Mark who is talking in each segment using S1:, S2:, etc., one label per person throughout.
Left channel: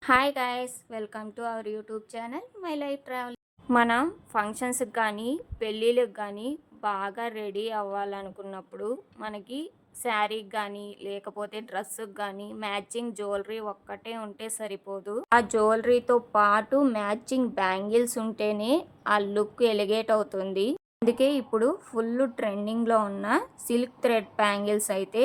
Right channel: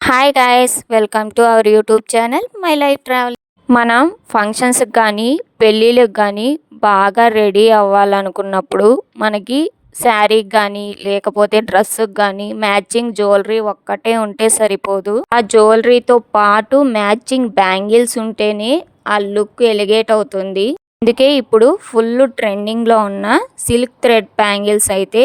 S1: Hi guys welcome to our YouTube channel my life travel మనం ఫంక్షన్స్కి కానీ పెళ్ళిళ్ళకి కానీ బాగా రెడీ అవ్వాలనుకున్నప్పుడు మనకి శారీకి కానీ లేకపోతే డ్రెస్సుకి కానీ మ్యాచింగ్ జ్యువెలరీ ఒక్కటే ఉంటే సరిపోదు. ఆ జ్యువెలరీతో పాటు మ్యాచింగ్ బ్యాంగిల్స్ ఉంటేనే ఆ లుక్ ఎలిగేట్ అవుతుంది. అందుకే ఇప్పుడు ఫుల్ ట్రెండింగ్లో ఉన్న సిల్క్ థ్రెడ్ బ్యాంగిల్స్ అయితే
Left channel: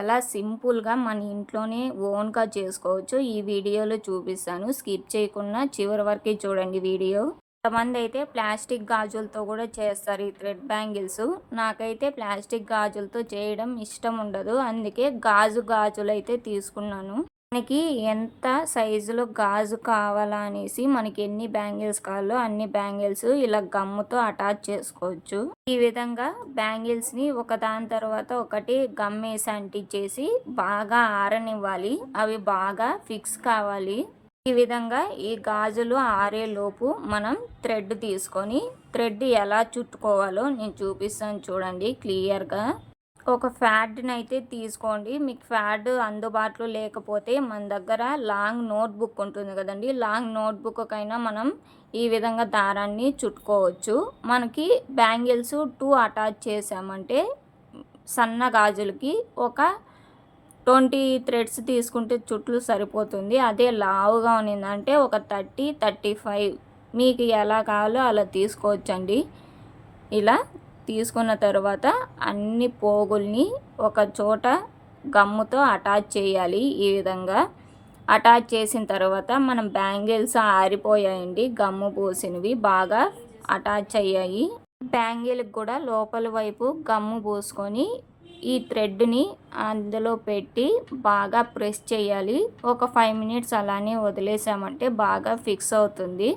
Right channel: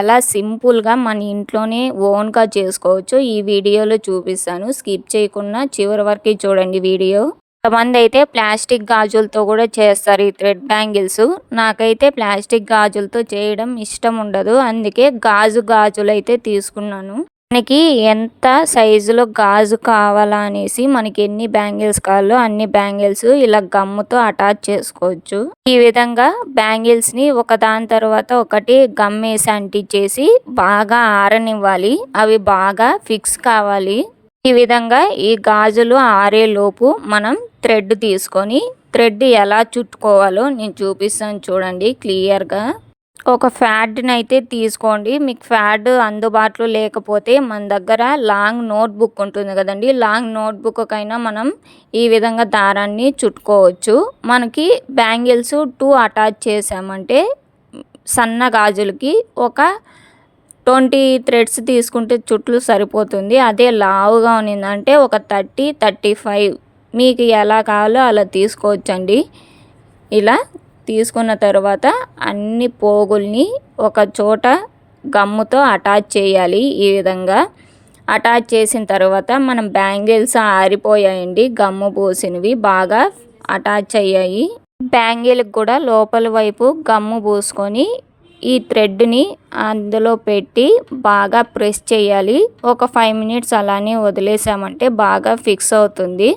S1: ఎలా సింపుల్గా మన ఇంట్లోనే ఓన్గా చేసుకోవచ్చు ఈ వీడియోలో చూపిస్తాను. స్కిప్ చేయకుండా చివరి వరకు చూడండి వీడియో. కొంతమంది అయితే ప్లాస్టిక్ గాజులతో కూడా చేస్తారు ఈ థ్రెడ్ బ్యాంగిల్స్ నాకైతే ప్లాస్టిక్ గాజులతో చేయడం ఇష్టం ఉండదు. అందుకే గాజు గాజులు అయితే తీసుకున్నాను. మనకి ఎంత సైజులో గాజు కావాలా అనేసి మనకి ఎన్ని బ్యాంగిల్స్ కావాలో అన్ని బ్యాంగిల్స్ ఇలా గమ్ముతో అటాచ్ చేసుకోవచ్చు. ఈ విధంగా బ్యాంగిల్స్ని ఒక దాని తర్వాత ఒకటి గమ్ వేసి అంటించేసి బాగా ఆరనివ్వాలి. అవి బాగా ఫిక్స్ కావాలి. ఈ విధంగా ఈ గాజులు ఆరేలోపు మనం థ్రెడ్ తీసుకొని థ్రెడ్ ఎలా చుట్టుకోవాలో నేను చూపిస్తాను చూడండి క్లియర్గా. ఒక ఫ్యాడ్ని అయితే తీసుకోండి. మీకు ఫ్యాడ్ అందుబాటులో లేకపోతే మన దగ్గర లాంగ్ నోట్ బుక్ ఉంటుంది కదండి. లాంగ్ నోట్బుక్కైనా మనం ఈ విధంగా దారాన్ని చుట్టుకోవచ్చు. మనకి బ్యాంగిల్స్ టూ అటాచ్ చేసామంటే సన్న గాజులకి ఒక ట్వంటీ థ్రెడ్స్ తీసుకుంటే చుట్లు సరిపోతుంది. అదే లావుగా ఉన్నిందంటే ఒక థర్టీ థర్టీ ఫైవ్. మీకు ఎలా కావాలో అలా తీసుకోవచ్చండి. ఇలా తీసుకున్న తర్వాత అన్ని పోగుల్ని ఒక చోట గమ్ముతో అటాచ్ చేయాలి ఈ విధంగా. అటాచ్ చేసిన తర్వాత మనం బ్యాంగిల్స్ ఆరిపోయాయండి గమ్ము పూసినవి బాగా అటాచ్ అయ్యాయి. బ్యాంగిల్కి కూడా లోపల వైపు గమ్ము పూసుకొని ఈ థ్రెడ్ని అందులో పెట్టి బాగా ప్రెస్ చేయాలి. ఒక ఫైవ్ మినిట్స్ అలానే వదిలేసామంటే బాగా ఫిక్స్ అవుతుంది.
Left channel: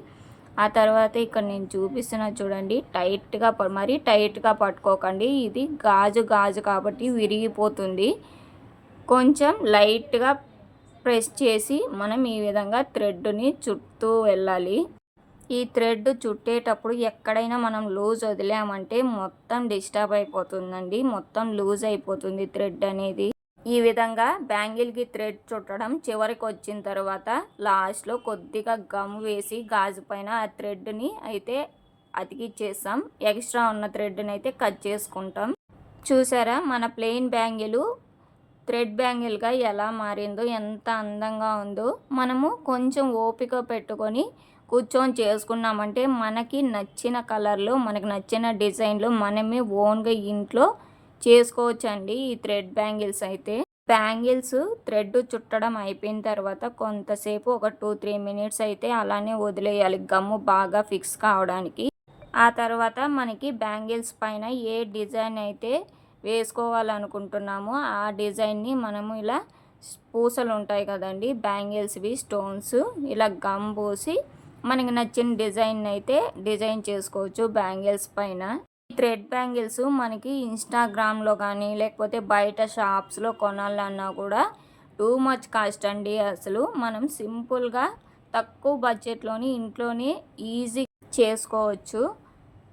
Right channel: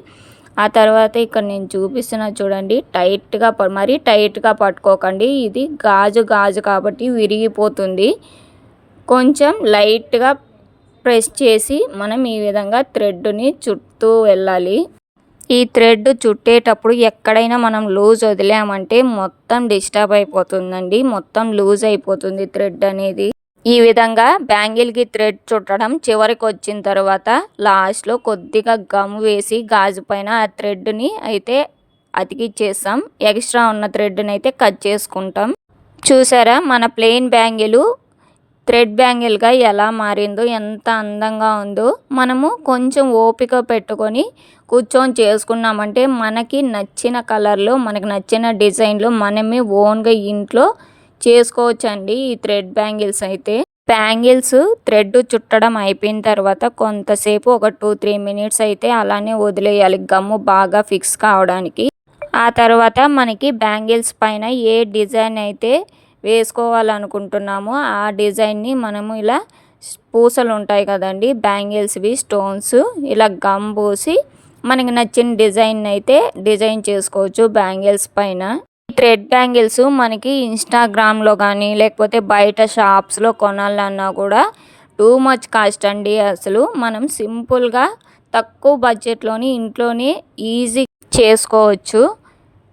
S1: ఆ తర్వాత ఇక్కడ నేను చూపిస్తున్నా చూడండి టైట్గా మరీ టైట్గా పట్టుకోకండి. ఇది గాజు గాజు కాబట్టి విరిగిపోతుంది. కొంచెం లైట్గా ప్రెస్ చేసి మనం ఈ విధంగా థ్రెడ్ని చుట్టూ వెళ్ళాలి. ఈ థ్రెడ్ చుట్టేటప్పుడు ఎక్కడైనా మనం లూజ్ వదిలామంటే మొత్తం డిస్టర్బ్ అయిపోతుందండి. మొత్తం లూజ్ అయిపోతుంది థ్రెడ్ అనేది. ఈ విధంగా బ్యాంగిల్కి థ్రెడ్ చుట్టడం చివరికి వచ్చిన తర్వాత లాస్ట్లో కొద్దిగా గమ్ వేసి గాజు పైన ఆ థ్రెడ్ని అయితే అతికిచ్చేస్తాం. ఎక్స్ట్రా ఉన్న థ్రెడ్ని అయితే కట్ చేసుకుంటాం. చూసారా మన ప్లెయిన్ బ్యాంగిల్ థ్రెడ్ బ్యాంగిల్గా ఎలా మారిందో ఎంత అందంగా ఉందో. మనము కొంచెం ఓపిక పెట్టుకొని కూర్చొని చేసుకున్నామంటే మనకి నచ్చిన కలర్లో మనకి నచ్చిన డిజైన్లో మనమే ఓన్గా ఇంట్లో చేసుకోవచ్చండి ఈ థ్రెడ్ బ్యాంగిల్స్ అయితే. బ్యాంగిల్స్ థ్రెడ్ చుట్టడం అయిపోయిన తర్వాత కొంతసేపు ఒక టూ త్రీ మినిట్స్ అయితే అలానే వదిలేయాలి గమ్ము బాగా ఫిక్స్ కావడానికి. ఆ తర్వాత మనకి బ్యాంగిల్స్ పైన ఏ డిజైన్ అయితే వేసుకోవాలనుకుంటున్నామో ఆ డిజైన్ని మనము ఇలా పూసలు ఉంటాయి కదండి బ్యాంగిల్స్వి స్టోన్స్ ఇలా గమ్ పోసి మనకి నచ్చిన డిజైన్ అయితే డిజైన్ చేసుకోవచ్చు బ్యాంగిల్స్ పైన. థ్రెడ్ బ్యాంగిల్స్ మనకి ఇన్స్టాగ్రామ్లో కానీ లేకపోతే బయట షాప్స్లో కొనాలన్నా కూడా టూ మచ్ కాస్ట్ అండి అసలు. మనం సింపుల్గా తక్కువ బడ్జెట్లోని ఇంట్లోనే ఈజీ చేసుకోవచ్చు.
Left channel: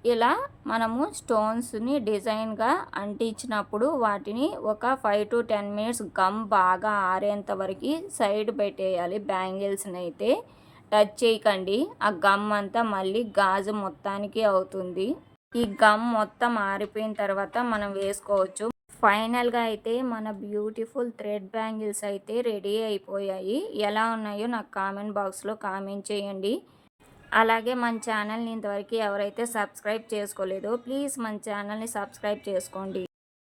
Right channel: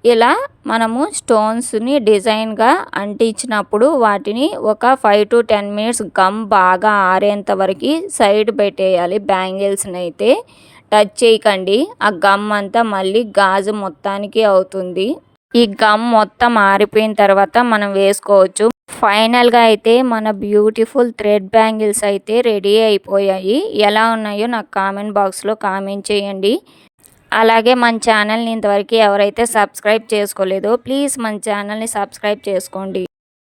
S1: ఇలా మనము స్టోన్స్ని డిజైన్గా అంటించినప్పుడు వాటిని ఒక five to ten minutes gum బాగా ఆరేంత వరకు సైడ్ పెట్టేయాలి బ్యాంగిల్స్ని అయితే. టచ్ చేయకండి. ఆ గమ్ అంతా మళ్ళీ గాజు మొత్తానికి అవుతుంది. ఈ గమ్ మొత్తం ఆరిపోయిన తర్వాత మనం వేసుకోవచ్చు. ఫైనల్గా అయితే మన బ్యూటిఫుల్ థ్రెడ్ బ్యాంగిల్స్ అయితే రెడీ అయిపోయాయి. ఎలా ఉన్నాయో నాకు కామెంట్ బాక్స్లో కామెంట్ చేయండి. అలాగే మన ఛానల్ని ఇంతవరకు ఎవరైతే సబ్స్క్రైబ్ చేసుకోలేదో ప్లీజ్ మన ఛానల్ని సబ్స్క్రైబ్ చేసుకోండి.